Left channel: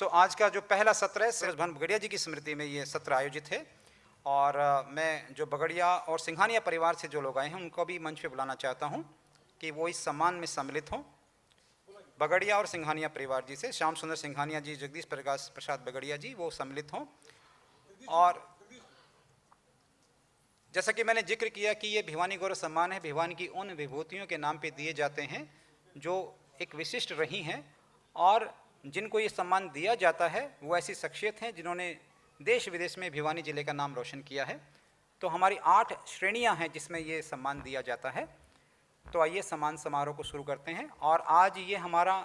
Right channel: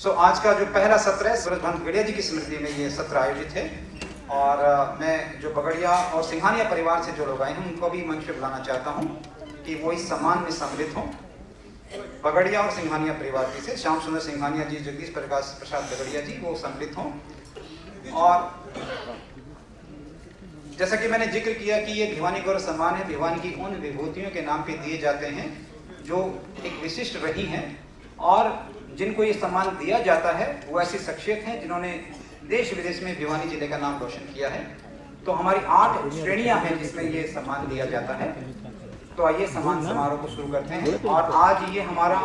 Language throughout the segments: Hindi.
आज का जो पहला सत्र है सूरज भान बगड़िया जी की स्मृति में ये सत्र आयोजित है और मैं जो बगड़िया और सिंघानिया परिवार से जो लोग आए हैं उनको भी मंच पे बुलाना चाहता हूँ कि वो इस सम्मान में सम्मिलित हों। बगड़िया और सिंघानिया परिवार से श्याम सुंदर सिंघानिया जी, जगदीश प्रसाद बगड़िया जी वो सम्मिलित हों। और जैसा कि मैंने जिक्र किया कि ये भिवानी गौरव सम्मान है, भिवानी की उन विभूतियों के नाम पे दिए जाते हैं जो एक विशिष्ट रही हैं और जिनको ये सम्मान दिया जाता है वो ऐसी शख्सियत हैं जिन्होंने देश विदेश में भिवानी जिले का नाम रोशन किया है। तो हमारी 8 श्रेणियां हैं जिसमें ये सम्मान दिया जाता है। तो आइए सम्मान समारोह को शुरू करते हैं। और आज ये हमारा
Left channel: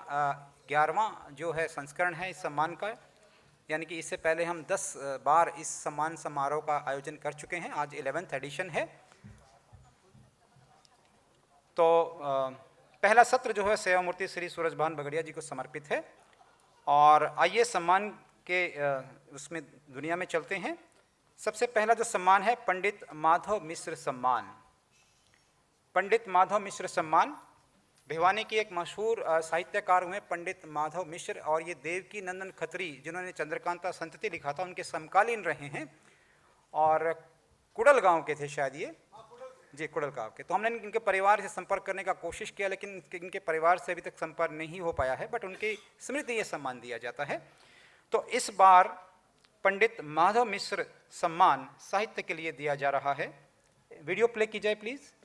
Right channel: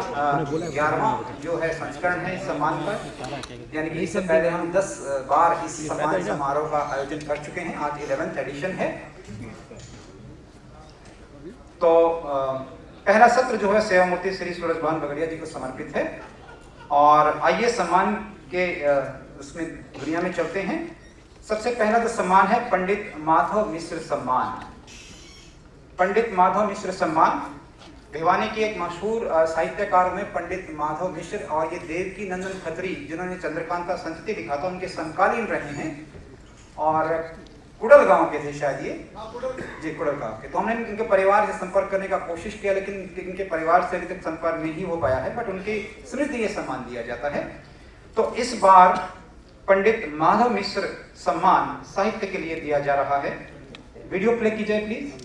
11वां जो है संस्करण है इस सम्मान पर, यानी कि इससे पहले हम 10 बार इस सम्मान समारोह का आयोजन कर चुके हैं। आज 11th एडिशन है। तो पहला सत्र जो है सेवामूर्ति श्री सूरज भान बगड़िया जी को समर्पित है। और आइए सम्मान के उसमें दुनिया में चलते हैं। सबसे पहला जो सम्मान है पंडित माधव मिश्र सम्मान। पंडित माधव मिश्र सम्मान भिवानी के एक मशहूर साहित्यकार में पंडित माधव मिश्र और ये देवकी नंदन खत्री जिन्होंने चंद्रकांता संस्कृति लिखा था उनके समकालीन रहे हैं और कुड़ल गांव के थे शायद ये कुड़ल गांव के। तो हमने इनके परिवार से संपर्क करने का कोशिश किया लेकिन इनके परिवार से अभी तक संपर्क नहीं हो पाया है, बट उनकी स्मृति ये सम्मान दिया जाता है। तो इस बार पंडित माधव मिश्र सम्मान साहित्य के लिए दिया जा रहा है। वीडियो प्ले कीजिए प्लीज।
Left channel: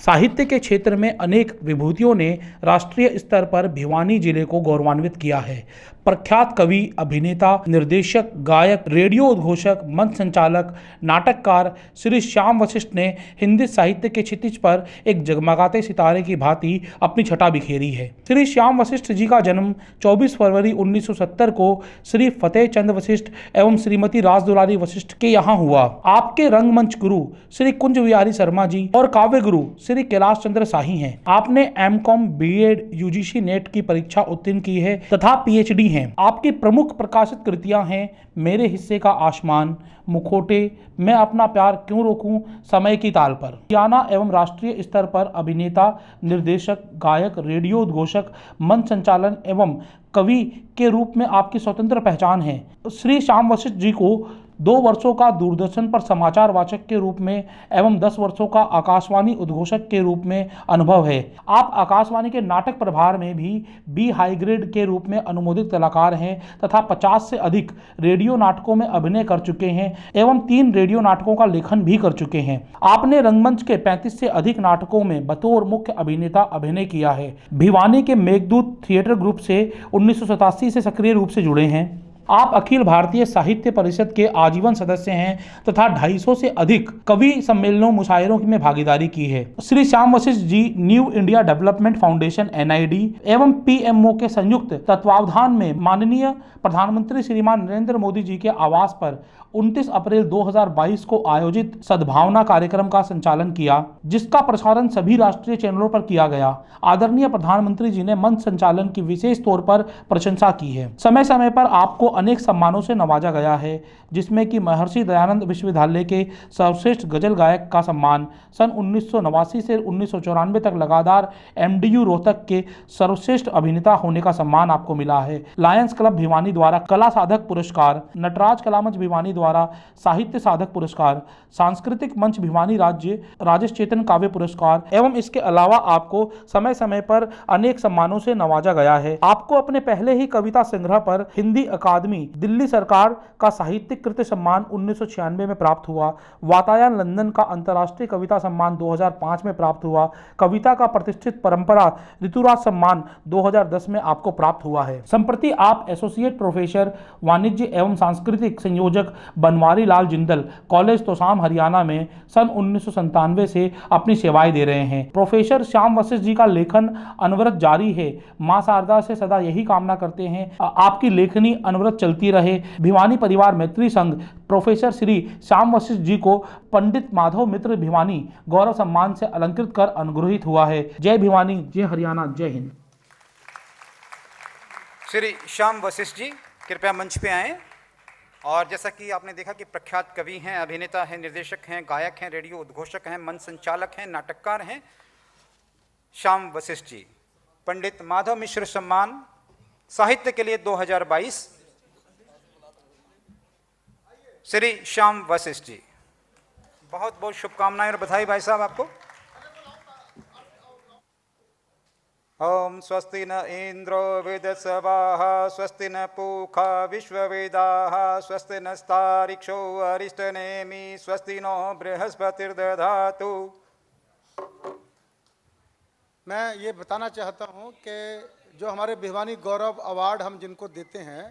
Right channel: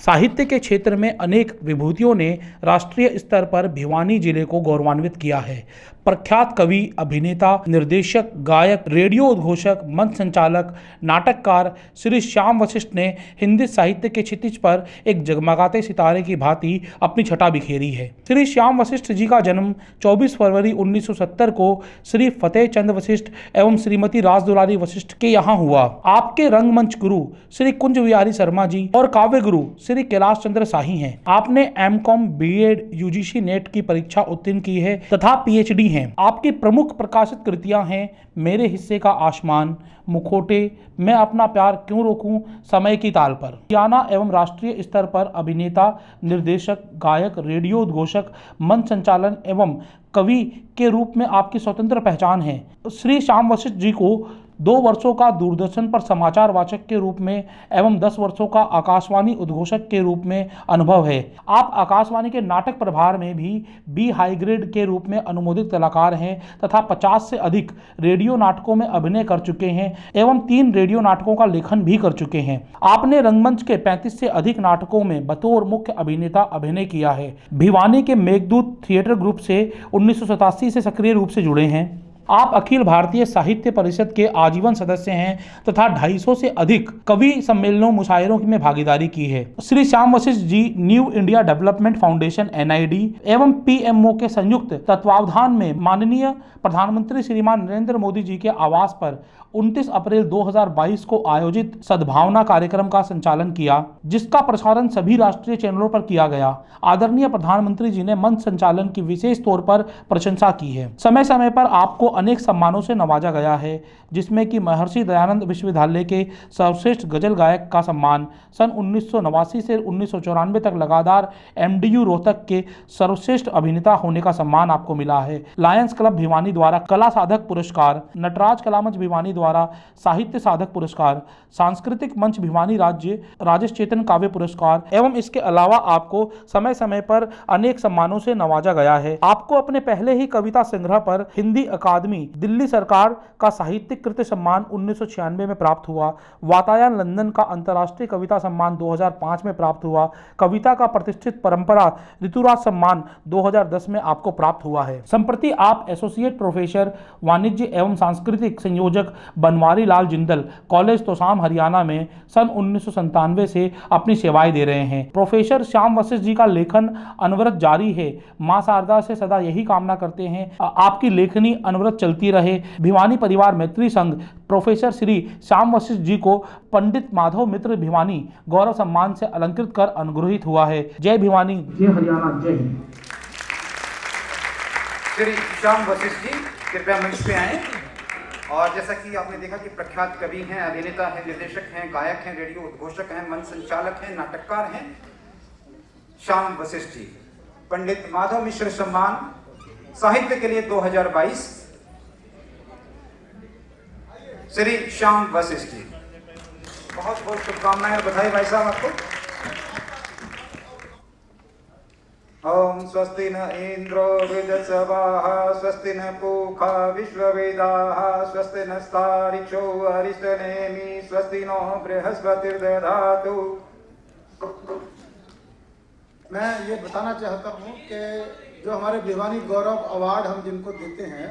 साहित्य के क्षेत्र में अनेक विभूतियों ने राष्ट्रीय स्तर पर भिवानी जिले को गौरवान्वित किया है। प्रख्यात कवि, अभिनेता, निर्देशक, गायक, रेडियो उद्घोषक, मंच संचालक, नाटककार श्री श्याम वशिष्ठ ने हिंदी साहित्य के क्षितिज पर एक जगमगाते सितारे की भांति अपनी छटा बिखेरी है। श्री श्याम वशिष्ठ जी का जन्म 24 फरवरी 1970 को श्री फतेह चंद वशिष्ठ एवं श्रीमती राजदुलारी वशिष्ठ के यहाँ हुआ। आपके रंगमंच गुरु श्री कुंज विहारी शर्मा जी और काव्य गुरु श्री कैलाश चंद्र शाही हैं। आपने एमकॉम, बीएड, यूजीसी नेट की परीक्षा उत्तीर्ण की है तथा पीएचडी हैं। आपकी प्रमुख प्रकाशित कृतियां हैं मेरे हिस्से का आसमान, मुखोटे, मैं अपना प्यार क्यों रोकूं, समय की ताल पर। हरियाणा एवं राष्ट्रीय स्तर पर अभिनेता, निर्देशक, गायक, रेडियो उद्घोषक, मंच संचालन एवं कवि के रूप में आपकी स्वतंत्र पहचान है। श्री श्याम वशिष्ठ जी को 2 वर्षों का दूरदर्शन पर समाचार वाचक के रूप में एवं 10 वर्षों का आकाशवाणी उद्घोषक के रूप में अनुभव है। आप आकाशवाणी के नाटक प्रभार में भी बी हाई ग्रेड के रूप में अनुमोदित कलाकार हैं तथा 50 से अधिक रेडियो नाटकों में अभिनय कर चुके हैं एवं 3 रेडियो नाटकों का लेखन भी कर चुके हैं। आपने रंगमंच के 35 से अधिक नाटकों में बतौर मुख्य अभिनेता अभिनय किया है। भिवानी के मेघदूत थिएटर ग्रुप से 1987 से सक्रिय रूप से जुड़े हैं। आप अखिल भारतीय साहित्य परिषद के आजीवन सदस्य हैं तथा 250 से अधिक कवि सम्मेलनों, मुशायरों में भागीदारी की है। Shri Shyam Vashishtha ji New India Development Foundation NID एवं PMO के संयुक्त तत्वावधान में माननीय प्रधानमंत्री श्रीमान नरेंद्र मोदी जी के आवास पर 29 अप्रैल 2022 को आयोजित सद्भावना कार्यक्रम का संचालन किया, जिसका प्रसारण सभी राष्ट्रीय चैनलों पर किया गया। आदरणीय प्रधानमंत्री जी ने मंच संचालन की विशेष तौर पर प्रशंसा की है। समय समय पर आपको अनेक सम्मानों से नवाजा गया है, जिसमें कि महर्षि दयानंद विश्वविद्यालय के सर्वश्रेष्ठ गजल गायक का सम्मान, सन 1989 से 1994 तक लगातार MDU रोहतक के सर्वश्रेष्ठ अभिनेता होने का सम्मान आपको मिला है। लायंस क्लब भिवानी द्वारा कला साधक पुरस्कार, नटराज कला मंच भिवानी द्वारा साहित्य साधक पुरस्कार, सांस्कृतिक मंच भिवानी राज्य राजेश चेतन काव्य पुरस्कार एवं इसके अलावा आपको समय समय पर अनेक सम्मानों से नवाजा गया है। आपको अपने पहले ही कविता संग्रह पर हिंदी अकादमी दिल्ली सरकार का साहित्यिक कृति सम्मान 1996 में प्राप्त हुआ। वातायन लंदन का अंतर्राष्ट्रीय कविता सम्मान 2005 में प्राप्त हुआ। कविता का प्रतिष्ठित परंपरा ऋतुराज सम्मान 2010 में आपको प्राप्त हुआ है। संप्रति आप एसोसिएट प्रोफेसर वाणिज्य एवं सांस्कृतिक संयोजक बनवारी लाल जिंदल कॉलेज तोसाम हरियाणा में सन 1997 से अपनी सेवाएं दे रहे हैं। प्रोफेसर श्याम वशिष्ठ जी का लेखन अनवरत जारी है। मां शारदा से सदा यही कामना करते हैं आपकी लेखनी अनवरत चलती रहे। भिवानी परिवार मैत्री संघ प्रोफेसर श्री श्याम वशिष्ठ जी को पंडित माधव मित्र भिवानी गौरव सम्मान से अलंकृत कर अनुग्रहित हुआ है। जय भिवानी, जय हरियाणा, जय हिंद। श्री श्याम वशिष्ठ जी कृपया मंच पे आए। और जैसा कि आपने देखा कि प्रख्यात कवि हैं, अभिनेता हैं, निर्देशक हैं, गायक हैं, रेडियो उद्घोषक हैं, मंच संचालक हैं, नाटककार हैं श्याम वशिष्ठ जी। पंडित माधव मिश्र सम्मान साहित्य के लिए 2022 श्री श्याम वशिष्ठ जी। बहुत बहुत शुभकामनाएं और बधाई भाई साहब आपको। ओम स्वस्ति न इंद्रो विदस्वाहा स्वस्ति न पूषा विश्ववेदाः स्वस्ति नस्तारिक्षो अरिष्टनेमि स्वस्ति नो बृहस्पतिर्दधातु। मैं ये बताना चाहता हूँ कि जो हमारे भिवानी गौरव अवार्ड हम जिनको देते हैं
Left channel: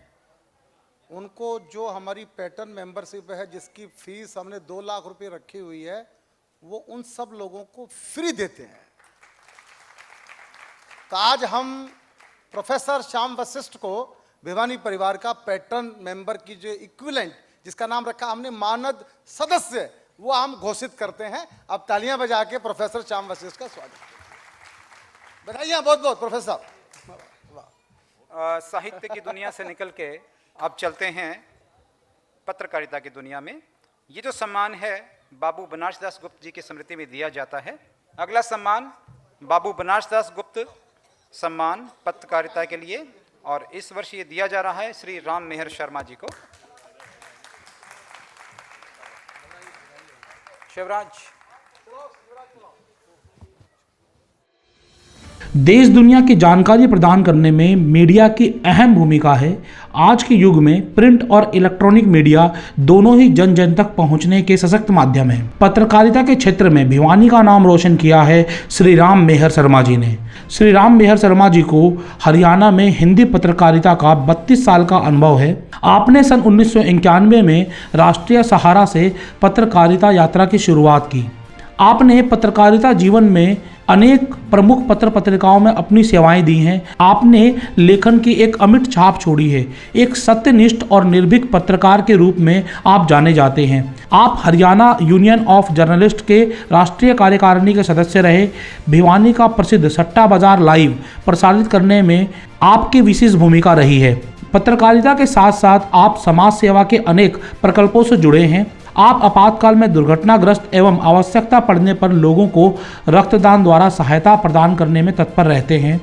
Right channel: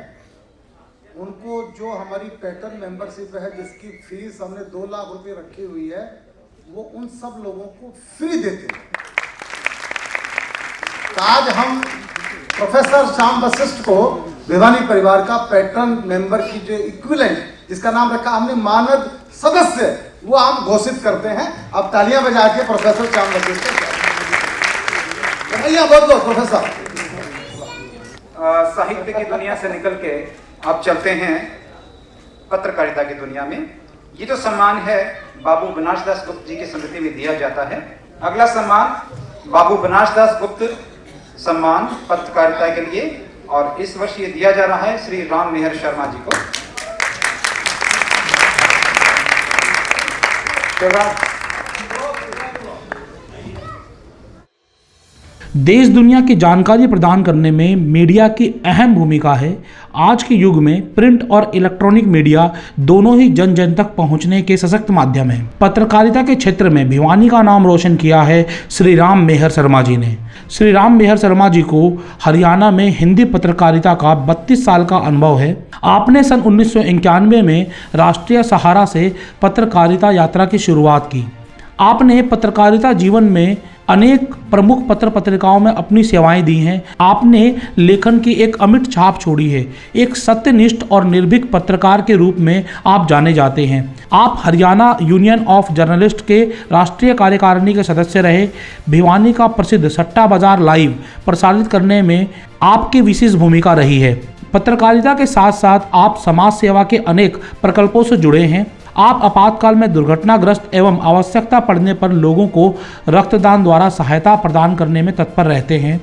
उनको जो हमारी पैटर्न मेंबरशिप है जिसकी फीस हमने 2 लाख रुपए रखी हुई है वो उन सब लोगों को फ्री देते हैं। आज हम प्रोफेसर श्याम वशिष्ठ को भिवानी परिवार का पैटर्न मेंबर की जो इक्विवेलेंट जिसका नाम रखा हमने मानद सदस्य वो हम घोषित करते हैं। आप तालियां बजा के प्रोफेसर श्याम वशिष्ठ को बताइए। बहुत बहुत प्रोफेसर। साहित्य की दुनिया से निकल के आप चलते हैं पत्रकारिता की दुनिया में। ये जो सम्मान है बाबू बनासदास गुप्त जी की स्मृति में दिया जाता है। अगला सम्मान बाबू बनासदास गुप्त सम्मान पत्रकारिता के लिए, और इस वर्ष ये दिया जा रहा है श्री राम मेहर शर्मा जी को। देश दुनिया की जानकारी प्रदान करने में मीडिया की अहम भूमिका है। आज के युग में प्रिंट और इलेक्ट्रॉनिक मीडिया दोनों ही जन जन तक पहुंचने के सशक्त माध्यम हैं। पत्रकारिता के क्षेत्र में भिवानी का नाम रोशन किया है श्री राम मेहर शर्मा जी ने। श्री राम मेहर शर्मा जी को हरियाणा में हिंदी पत्रकारिता का 32 साल का अनुभव है। आपने सन 1991 में राष्ट्रीय सहारा से पत्रकारिता यात्रा की शुरुआत की। आपने पत्रकारिता जीवन में अनेक प्रमुख पत्र पत्रिकाओं में अपनी सेवाएं दी हैं। आपने लेखन की एक अमिट छाप छोड़ी है। एक सत्यनिष्ठ और निर्भीक पत्रकार के रूप में आप जाने जाते हैं। आप हरियाणा यूनियन ऑफ जर्नलिस्ट के राष्ट्रीय कार्यकारिणी के सदस्य रहे। भिवानी का प्रसिद्ध सट्टा बाजार लाइव प्रसारित करने में आपकी विशेष भूमिका रही है। पत्रकारिता के साथ साथ आप समाज सेवा के अनेक प्रकल्पों से जुड़े हैं। आप आपातकाल में दुर्घटनाग्रस्त एवं आवश्यकता पड़ने पर लोगों को रक्तदान द्वारा सहायता प्रदान करने में तत्पर रहते हैं।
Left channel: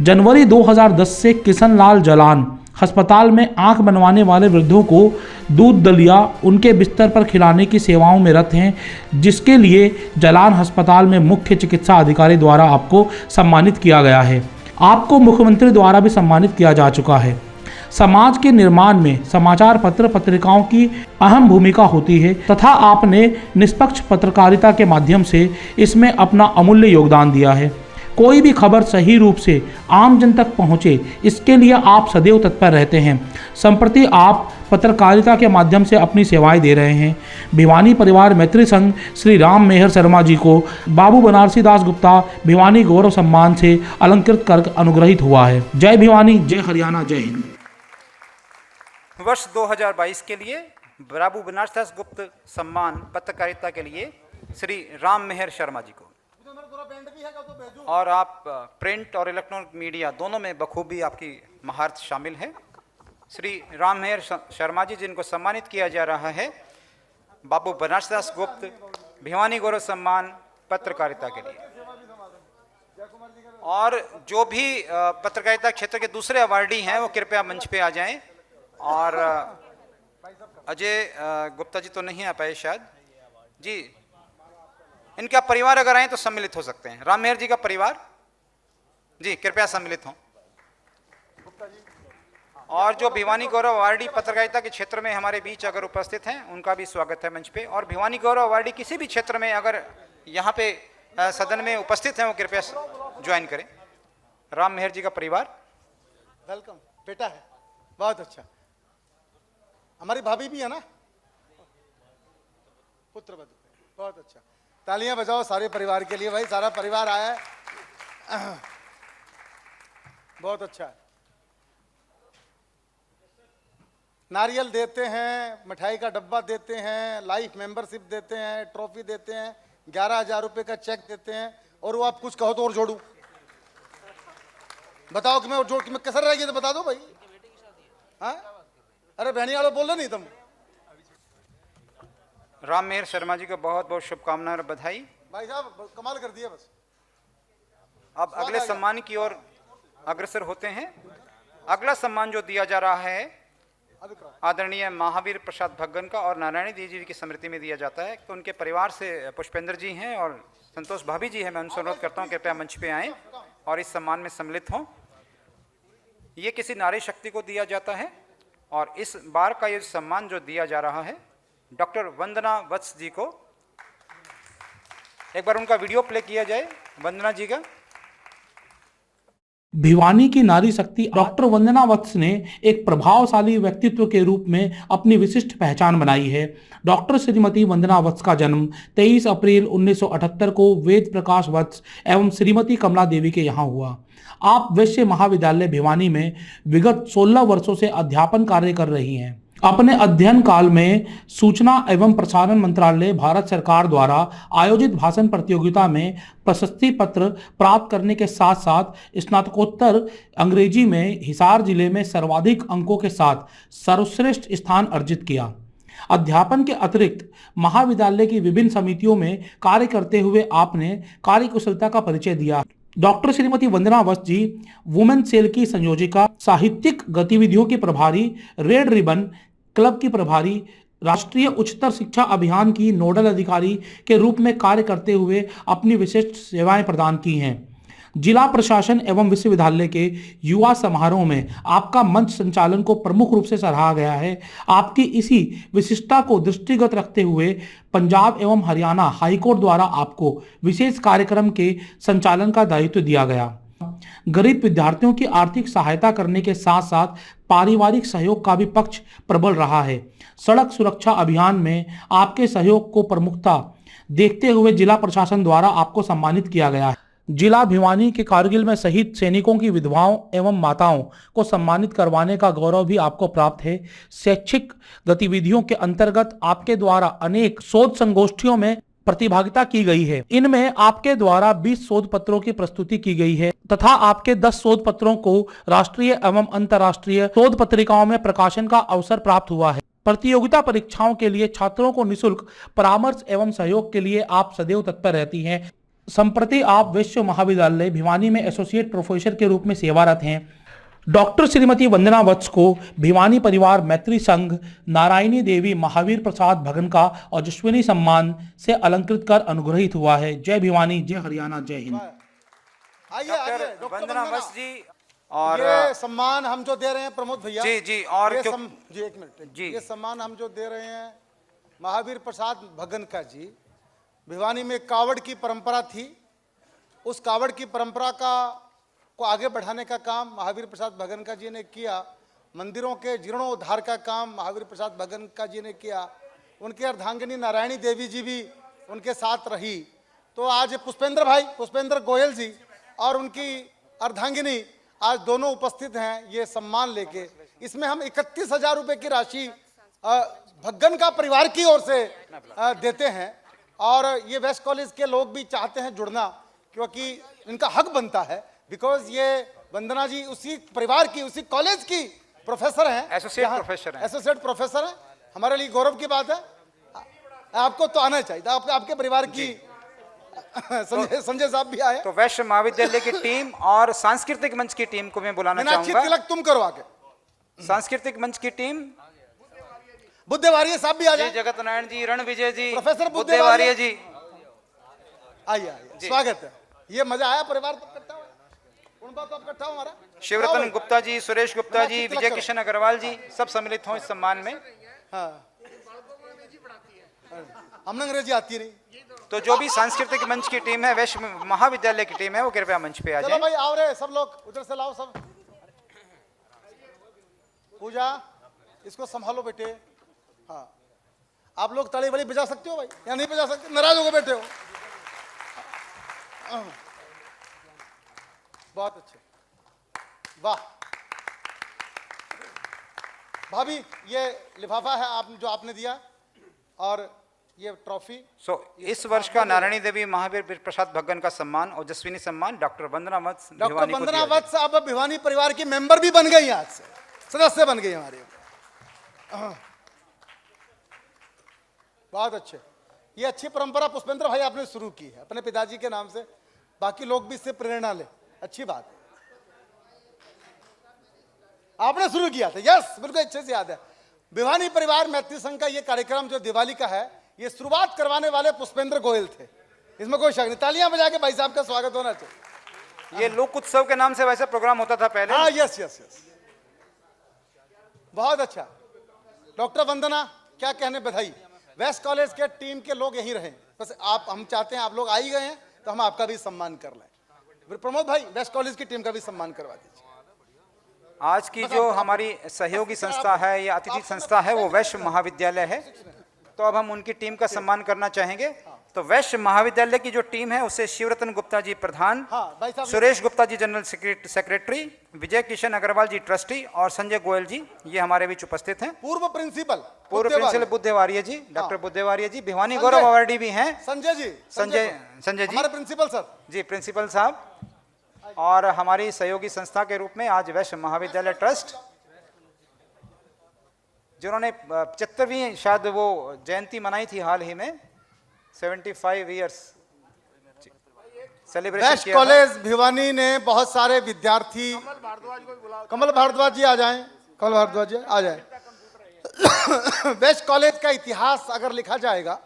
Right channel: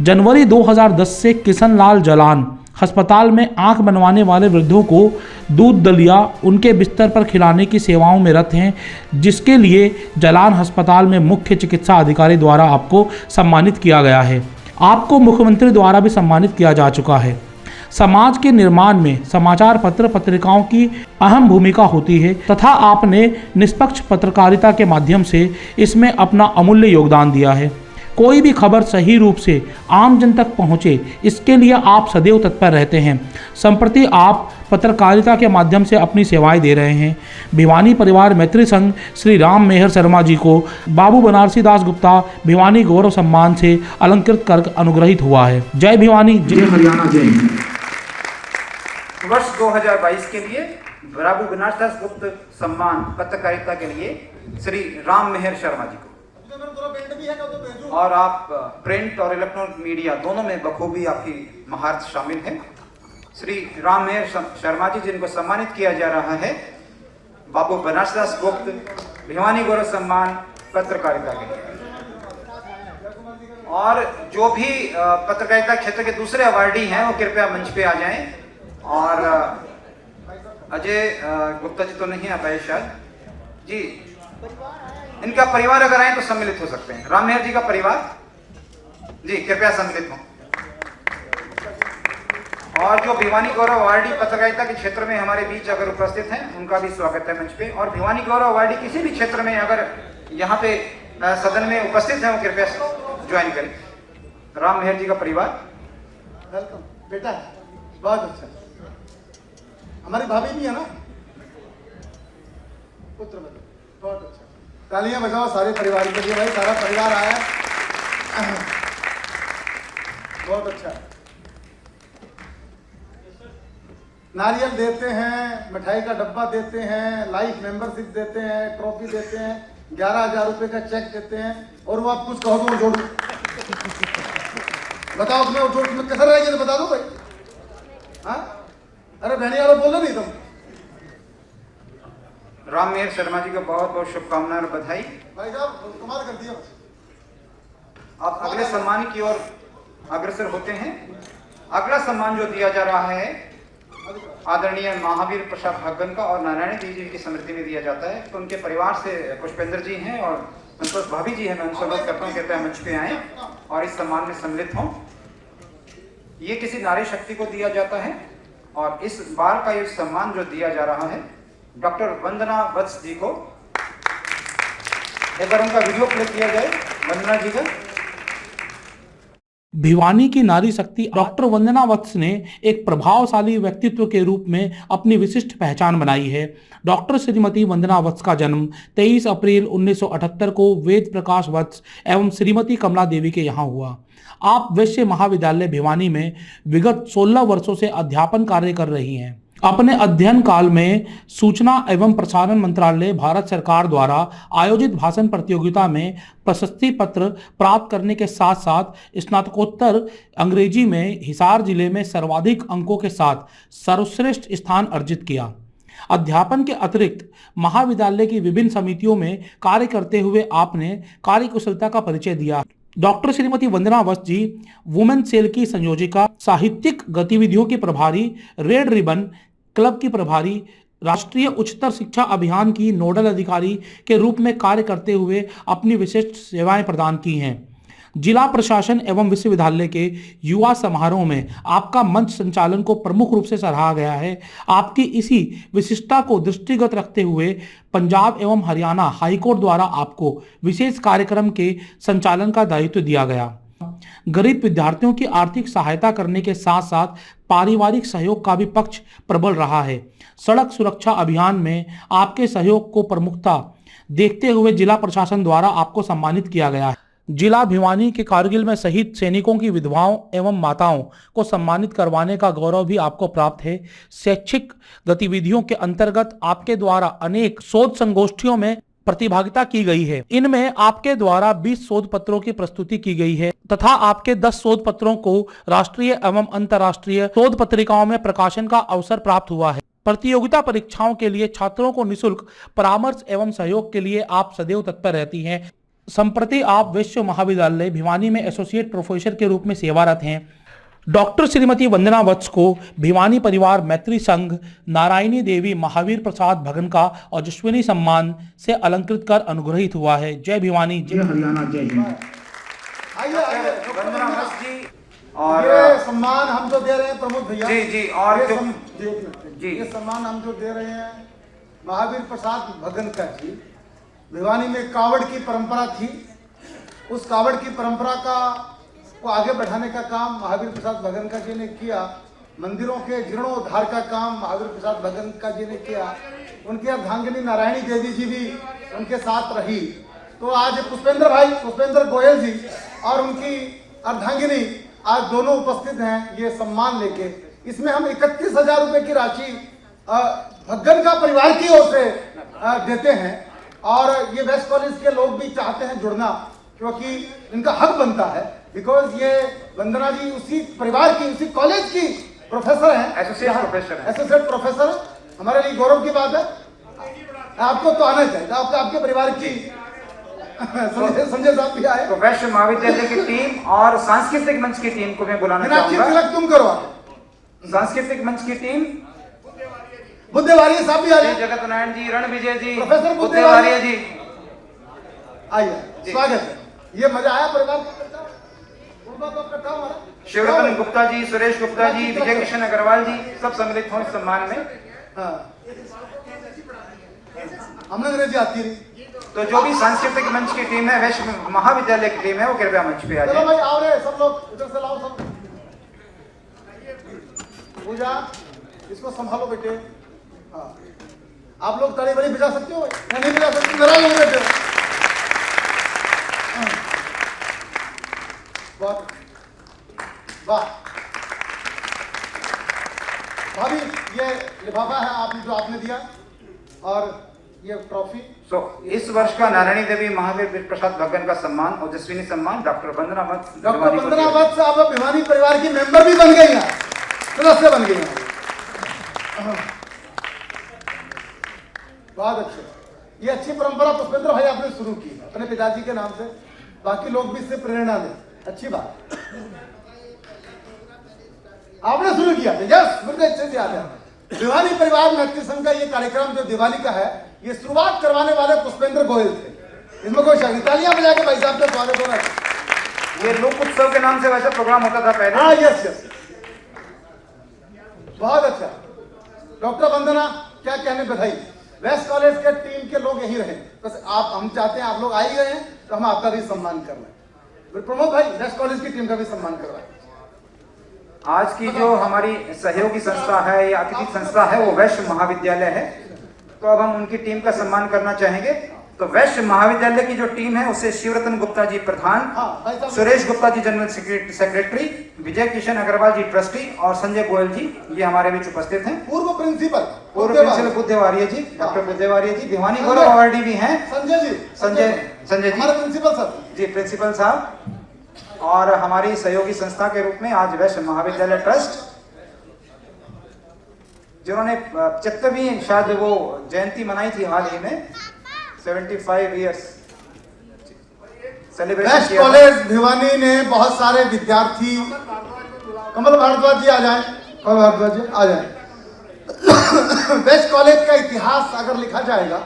जनवरी 2010 से किशन लाल जलान अस्पताल में आंख बनवाने वाले वृद्धों को दूध दलिया उनके बिस्तर पर खिलाने की सेवाओं में रत हैं, जिसके लिए जलान अस्पताल में मुख्य चिकित्सा अधिकारी द्वारा आपको सम्मानित किया गया है। आपको मुख्यमंत्री द्वारा भी सम्मानित किया जा चुका है। समाज के निर्माण में समाचार पत्र पत्रिकाओं की अहम भूमिका होती है तथा आपने निष्पक्ष पत्रकारिता के माध्यम से इसमें अपना अमूल्य योगदान दिया है। कोई भी खबर सही रूप से आम जन तक पहुंचे, इसके लिए आप सदैव तत्पर रहते हैं। संप्रति आप पत्रकारिता के माध्यम से अपनी सेवाएं दे रहे हैं। भिवानी परिवार मैत्री संघ श्री राम मेहर शर्मा जी को बाबू बनारसी दास गुप्ता भिवानी गौरव सम्मान से अलंकृत कर अनुग्रहित हुआ है। जय भिवानी, जय हरियाणा, जय। वर्ष 2022 के लिए बाबू बनारसीदास गुप्त सम्मान पत्रकारिता के लिए श्री राम मेहर शर्मा जी को, और आप प्रिंट और इलेक्ट्रॉनिक मीडिया दोनों में बखूबी आपकी महारत शामिल है। श्री राम मेहर शर्मा जी जिनको सम्मानित किया जा रहा है बाबू बनारसीदास गुप्त भिवानी गौरव सम्मान पत्रकारिता के लिए। और जो भी पत्रकारिता क्षेत्र के दूसरे अवार्डी हैं वो कृपया मंच पे आ जाएं। और अजय गुप्ता जी तो नहीं आ पाए शायद जी, इनका परिवार अगर आए तो सम्मिलित हो सकते हैं। राम मेहर जी का परिवार जी कृपया सम्मिलित हो। और जो भिवानी गौरव अवार्डी पत्रकारिता के क्षेत्र में हमारे बीच अगर उपस्थित हैं उनका भी स्वागत है मंच पे। और भिवानी गौरव अवार्डी किसी भी क्षेत्र में अगर यहाँ पे सदन में उपस्थित हैं वो कृपया ज्वाइन करें। राम मेहर जी का परिवार बेटा बहुत अच्छा, हमारे भाभी भी है ना, पुत्र बहुत अच्छा। तालियां बजाओ सारे परिवार के लिए। सारा परिवार आया, बहुत अच्छा। नारियल देते हैं, मिठाई का डब्बा देते हैं, लाइफ मेंबरशिप देते हैं, ट्रॉफी देते हैं, 11,000 रुपए का चेक देते हैं। और वो आप कुछ कहो तो बताओ उसमें कैसा रहेगी बता दो भाई। हाँ, अरे भैया लोग बोलो नहीं तुम। राम मेहर शर्मा जी को बहुत बहुत शुभकामनाएं और बधाई। भाई साहब कमाल कर दिया। आप अगले सम्मान की ओर अग्रसर होते हैं। अगला सम्मान जो दिया जा रहा है आदरणीय महावीर प्रसाद भगन का और नारायण जी की स्मृति में दिया जाता है। तो उनके परिवार से पुष्पेंद्र जी हैं और संतोष भाभी जी हैं, मैं उनसे अनुरोध करता हूँ कृपया मंच पे आएँ और इस सम्मान में सम्मिलित हों। ये किसी नारी शक्ति को दिया जाता है और इस बार का ये सम्मान जो दिया जा रहा है डॉक्टर वंदना वत्स जी को, एक बार उनका वीडियो प्ले किया जाए। वंदना जी का। भिवानी की नारी शक्ति डॉक्टर वंदना वत्स ने एक प्रभावशाली व्यक्तित्व के रूप में अपनी विशिष्ट पहचान बनाई है। डॉक्टर श्रीमती वंदना वत्स का जन्म 23 अप्रैल 1978 को वेद प्रकाश वत्स एवं श्रीमती कमला देवी के यहाँ हुआ। आप वैश्य महाविद्यालय भिवानी में विगत 16 वर्षों से अध्यापन कार्य कर रही हैं। अपने अध्ययन काल में सूचना एवं प्रसारण मंत्रालय भारत सरकार द्वारा आयोजित भाषण प्रतियोगिता में प्रशस्ति पत्र प्राप्त करने के साथ साथ स्नातकोत्तर अंग्रेजी में हिसार जिले में सर्वाधिक अंकों के साथ सर्वश्रेष्ठ स्थान अर्जित किया। अध्यापन के अतिरिक्त महाविद्यालय की विभिन्न समितियों में कार्य करते हुए आपने कार्यकुशलता का परिचय दिया। डॉक्टर श्रीमती वंदना वत्स जी वुमेन सेल की संयोजिका, साहित्यिक गतिविधियों की प्रभारी, रेड रिबन क्लब की प्रभारी, राष्ट्रीय उच्चतर शिक्षा अभियान की नोडल अधिकारी के रूप में कार्य करते हुए अपनी विशिष्ट सेवाएं प्रदान की हैं। जिला प्रशासन एवं विश्वविद्यालय के युवा समारोह में आपका मंच संचालन को प्रमुख रूप से सराहा गया है। आपकी इसी विशिष्टता को दृष्टिगत रखते हुए पंजाब एवं हरियाणा हाईकोर्ट द्वारा आपको विशेष कार्यक्रम के संचालन का दायित्व दिया गया। गरीब विद्यार्थियों की आर्थिक सहायता करने के साथ साथ पारिवारिक सहयोग का भी पक्ष प्रबल रहा है। सड़क सुरक्षा अभियान में आपके सहयोग को प्रमुखता देखते हुए जिला प्रशासन द्वारा आपको सम्मानित किया गया है। जिला भिवानी के कारगिल में शहीद सैनिकों की विधवाओं एवं माताओं को सम्मानित करवाने का गौरव भी आपको प्राप्त है। शैक्षिक गतिविधियों के अंतर्गत आपके द्वारा अनेक शोध संगोष्ठियों में प्रतिभागिता की गई है। इनमें आपके द्वारा 20 शोध पत्रों की प्रस्तुति की गई है तथा आपके 10 शोध पत्रों को राष्ट्रीय एवं अंतर्राष्ट्रीय शोध पत्रिकाओं में प्रकाशन का अवसर प्राप्त हुआ है। प्रतियोगिता परीक्षाओं के लिए छात्रों को निःशुल्क परामर्श एवं सहयोग के लिए आप सदैव तत्पर रहती हैं। संप्रति आप वैश्य महाविद्यालय भिवानी में एसोसिएट प्रोफेसर के रूप में सेवारत हैं। डॉक्टर श्रीमती वंदना वत्स को भिवानी परिवार मैत्री संघ नारायणी देवी महावीर प्रसाद भगन का ओजस्विनी सम्मान से अलंकृत कर अनुग्रहित हुआ है। जय भिवानी, जय हरियाणा, जय हिंद। वंदना वत्स जी और ये सम्मान हम जो दे रहे हैं प्रमुख भैया जी और ये सम्मान हम जो दे रहे हैं महावीर प्रसाद भगन का जी। भिवानी में कावड़ की परंपरा थी, उस कावड़ की परंपरा को आगे बढ़ाने का काम महावीर प्रसाद भगन जी ने किया। मंदिरों के जीर्णोद्धार का काम महावीर प्रसाद भगन जी ने किया। उनके अर्धांगिनी नारायणी देवी जी भी उनके साथ रही। तो आज पुष्पेंद्र गोयल जी और उनकी अर्धांगिनी आज दोनों उपस्थित हैं ये सम्मान लेके। इसमें हम 31,000 रुपये की राशि भगन का परिवार की ओर से देते हैं और ये वेस्ट कॉलेज के लोग भी चाहते हैं जुड़ना क्योंकि इनका हक बनता है। बिकॉज ये वंदना जी उसी परिवार की, उसी कॉलेज की प्रोफेसर हैं, एसोसिएट प्रोफेसर। हमारे लिए गौरव की बात है। आपको तो आना चाहिए, आपके परिवार की संजय साहब भी आए। तो वैश्य महाविद्यालय की टीम और सांस्कृतिक मंच की टीम को मैं बुलाना चाहूंगा। तुम करो सांस्कृतिक मंच की टीम बुद्धेवारी साहब भी आए, जगत नारायण जी, रणविजय जी, प्रोफेसर बुद्धेवारी जी आइए, स्वागत है। ये मजा आया परिवार। शिवरतन गुप्ता जी, सुरेश गुप्ता जी, विजय कृष्ण अग्रवाल जी सब सम्मिलित हुए सम्मान में। आनंद जी आती है। तो जो भी सांस्कृतिक मंच की टीम है, वैश्य महाविद्यालय की टीम है, वो कृपया मंच पे आ जाए। भाई आओ रे सब लोग, इधर से आओ सब। पूजा इसको संभालो बेटे। हाँ, आप लोग ताली बड़ी बजा सकते हो? नहीं बजा सकते, मेरा लोग बेटे। वाह भाभी, ये लिफाफा है आप जो आपने दिया और ये ट्रॉफी। इस वर्ष का नारायणी देवी महावीर प्रसाद भगन का सम्मान ओजस्विनी सम्मान डॉक्टर वंदना वत्स। डॉक्टर वंदना वत्स साहब भिवानी परिवार की मेंबर भी बन गई हैं, सदस्य बन गई हैं। बहुत अच्छे। ये अच्छी परंपरा पुष्पेंद्र भाई आपने शुरू की अपने पिताजी के नाम से, बाकी लोग भी इससे प्रेरणा लें। अच्छी बात आपने शुरू किया। यस, मुझे अच्छे से याद है। भिवानी परिवार मैत्री संघ का ये कार्यक्रम जो दिवाली का है, ये शुरुआत करवाने वाले पुष्पेंद्र गोयल थे। इसमें कोई शक नहीं। तालियां बजाएं कि भाई साहब का स्वागत हो रहा है। ये लोक उत्सव के नाम से वैसे प्रोग्राम होता था पहले। हाँ, यस, बहुत अच्छा। डॉक्टर वंदना, क्या कहने बधाई। वेस्ट कॉलेज के टीम के लोग यही रहे, बस आप, हम चाहते हैं आप लोग आ ही गए हैं तो हम आपका भी सम्मान कर रहे हैं। प्रमोद भाई वेस्ट कॉलेज की टीम का भी सम्मान कर रहा है। आज की जो हमारी सहयोगी संस्था है या अतिथि संस्था है वो वैश्य महाविद्यालय है, तो अब हम उनकी टीम का सम्मान करना चाहेंगे। तो वैश्य महाविद्यालय की जो टीम है उसे शिवरतन गुप्ता जी प्रधान, सुरेश गुप्ता जी जनरल सेक्रेटरी, विजय किशन अग्रवाल जी ट्रस्टी और संजय गोयल जी ये हमारे बीच उपस्थित हैं। पूर्व प्रिंसिपल बुद्धेवारिया जी, डॉक्टर बुद्धेवारिया जी दीवानी गौरव अवार्डी भी हैं। संजय जी प्रिंसिपल साहब जी, प्रिंसिपल साहब। और हमारी सहयोगी संस्था के रूप में आज वैश्य महाविद्यालय ट्रस्ट, जिन्होंने 75वीं शायद वो जयंती मनाई थी हाल ही में, 75 इयर्स वेस्ट कॉलेज भिवानी ने बहुत सारे विद्यार्थी, कमल भारद्वाज जी आ जाए, कमल भारद्वाज जी आ जाए। वेस्ट कॉलेज का इतिहास अगर लिखा जाएगा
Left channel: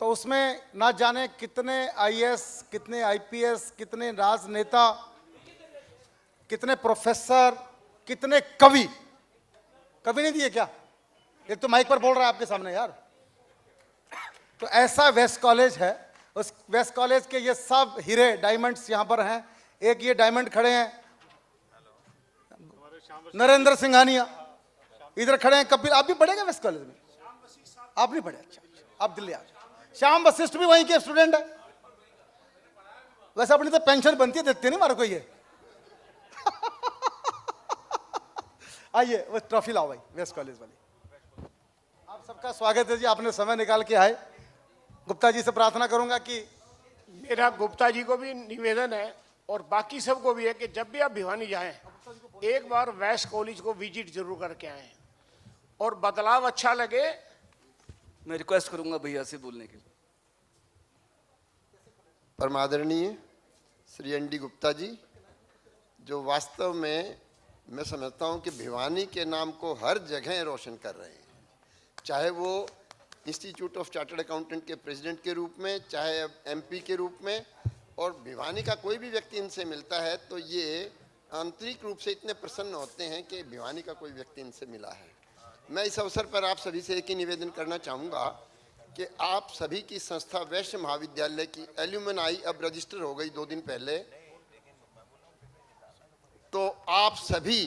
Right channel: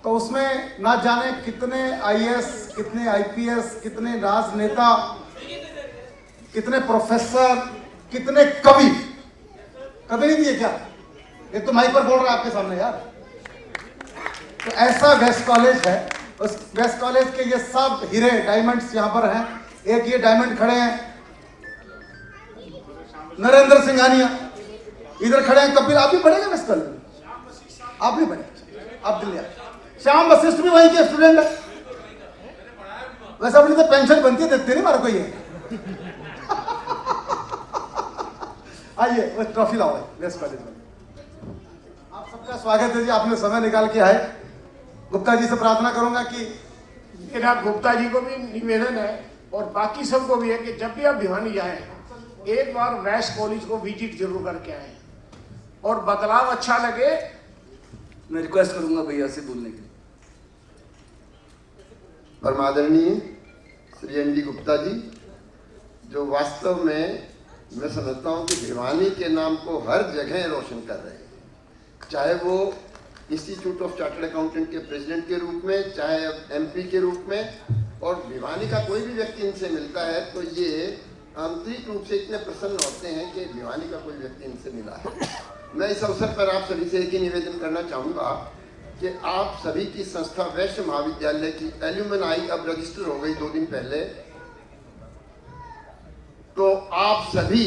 तो उसमें ना जाने कितने आईएएस, कितने आईपीएस, कितने राजनेता, कितने प्रोफेसर, कितने कवि नहीं दिए क्या? ये तो माइक पर बोल रहा है आपके सामने यार। तो ऐसा वेस्ट कॉलेज है। उस वेस्ट कॉलेज के ये सब हीरे डायमंड्स यहाँ पर हैं। एक ये डायमंड खड़े हैं नरेंद्र सिंघानिया, इधर खड़े हैं कपिल। आप भी बड़े हैं वेस्ट कॉलेज, आप भी बड़े, आप भी श्याम वशिष्ठ भी वहीं के स्टूडेंट है। वैसे अपनी तो पेंशन बनती रहती है हर कोई। आइए ट्रॉफी लाओ वेस्ट कॉलेज में। आप सबका स्वागत है जी, आपने समय निकाल के आए। गुप्ता जी से प्रार्थना करूंगा कि मेरा गुप्ता जी को भी निवेदन है और बाकी सबको भी है कि जब भी आप भिवानी जाए एक बार वेस्ट कॉलेज को विजिट जरूर करके आए और बदलाव अच्छा लगे। मैं रिक्वेस्ट करूंगा भैया से बोलने की। परमादरणीय श्री एन.डी. गुप्ता जी, जो वास्तव में मैं समझता हूँ कि भिवानी के नाम को हर जगह रोशन कर रहे हैं, चाहे वो इंस्टीट्यूट ऑफ चार्टर्ड अकाउंटेंट के प्रेसिडेंट के रूप में, चाहे एमपी के रूप में। और भिवानी का कोई भी व्यक्ति इनसे मिलता है तो ये आंतरिक रूप से इतने प्रसन्न होते हैं कि भिवानी का कोई व्यक्ति इनसे मिला है। मैं इस अवसर पर आप सभी से एक ही निवेदन करना चाहूँगा कि आप सभी की संस्था वैश्य महाविद्यालय की एल्यूमनाई अब रजिस्टर हो गई 2 दिन पहले। तो आप सभी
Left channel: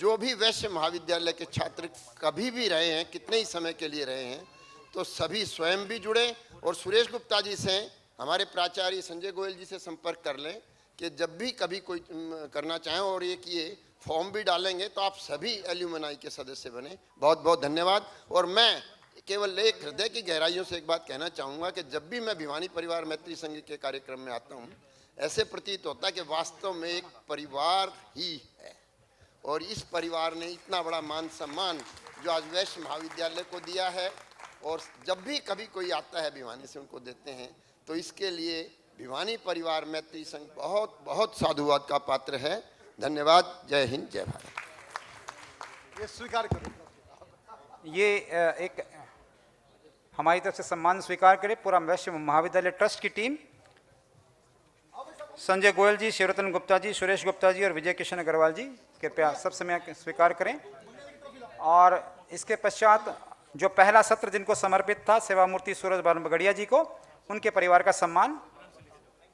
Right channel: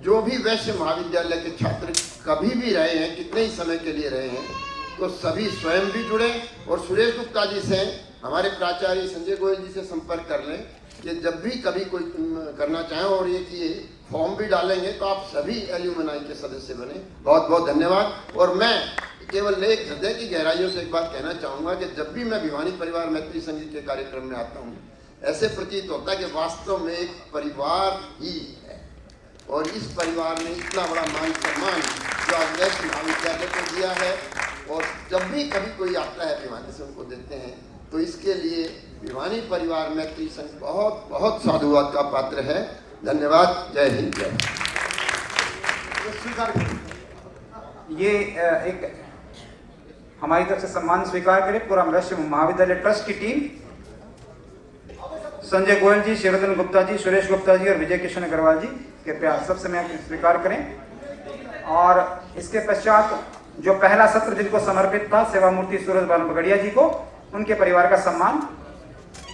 जो भी वैश्य महाविद्यालय के छात्र कभी भी रहे हैं, कितने ही समय के लिए रहे हैं, तो सभी स्वयं भी जुड़े और सुरेश गुप्ता जी से, हमारे प्राचार्य संजय गोयल जी से संपर्क कर लें कि जब भी कभी कोई करना चाहें। और ये फॉर्म भी डालेंगे तो आप सभी एल्यूमनाई के सदस्य बने। बहुत बहुत धन्यवाद। और मैं केवल एक हृदय की गहराइयों से एक बात कहना चाहूँगा कि जब भी मैं भिवानी परिवार मैत्री संघ के कार्यक्रम में आता हूँ, ऐसे प्रतीत होता है कि वास्तव में एक परिवार ही है। और इस परिवार ने इतना बड़ा मान सम्मान वैश्य महाविद्यालय को दिया है। और जब भी कभी कोई आता है भिवानी संघ को देते हैं, तो इसके लिए भिवानी परिवार मैत्री संघ बहुत बहुत साधुवाद का पात्र है। धन्यवाद। जय हिंद। ये एक हमारी तरफ से सम्मान स्वीकार करें पूरा वैश्य महाविद्यालय ट्रस्ट की टीम, संजय गोयल जी, शिवरतन गुप्ता जी, सुरेश गुप्ता जी और विजय किशन अग्रवाल जी, कृपया सबसे मैं स्वीकार करें। और इसके पश्चात जो पहला सत्र जिनको समर्पित था सेवामूर्ति सूरज भान बगड़िया जी को, उनके परिवार का सम्मान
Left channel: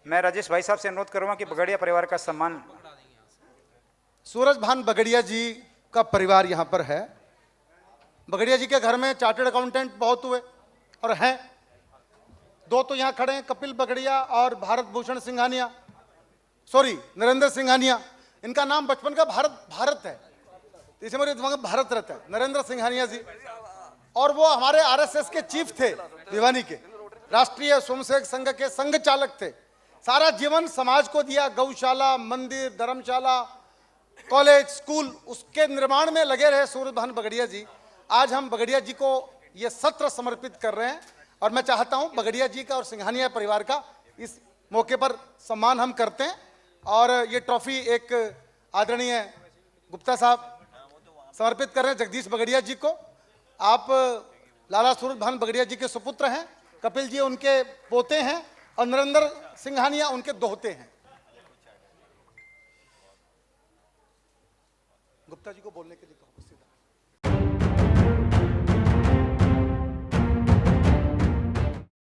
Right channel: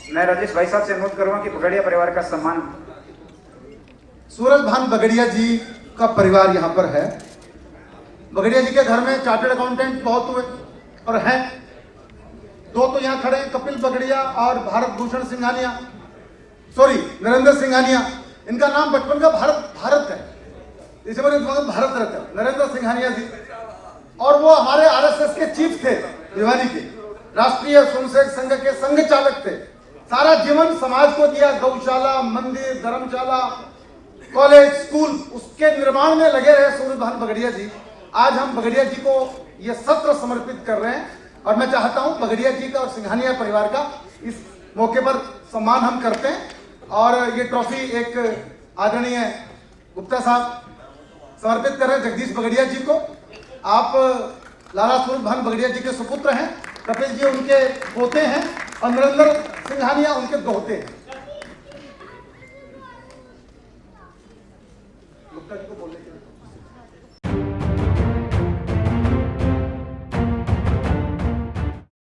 मैं राजेश भाई साहब से अनुरोध करूंगा कि बगड़िया परिवार का सम्मान। सूरज भान बगड़िया जी का परिवार यहाँ पर है। बगड़िया जी के घर में चार्टर्ड अकाउंटेंट बहुत हुए और हैं। 2 तो यहाँ खड़े, कपिल बगड़िया और भारत भूषण सिंघानिया, नरेंद्र सिंघानिया। इनका नाम बचपन का भारत है, इसमें भारत रहता है, नरेंद्र सिंघानिया जी। और वो हमारे आरएसएस के चीफ थे, भिवानी के राष्ट्रीय स्वयंसेवक संघ के संघ चालक थे। सारा जीवन समाज को दिया, गौशाला, मंदिर, धर्मशाला, कॉलेज, स्कूल, उसके निर्माण में लगे रहे सूरज भान बगड़िया जी। आज हम बगड़िया जी को ये सत्र समर्पित कर रहे हैं और मैं चाहता हूं बगड़िया जी का और सिंघानिया परिवार का इस मौके पर सम्मान हम करते हैं। और ये ट्रॉफी एक आदरणीय गुप्ता साहब समर्पित करें जगदीश बगड़िया जी को। आप लाला सुरत भान बगड़िया जी के सुपुत्र हैं, पटेल जी उनके पोते हैं और नरेंद्र सिंघानिया उनके दोहते हैं।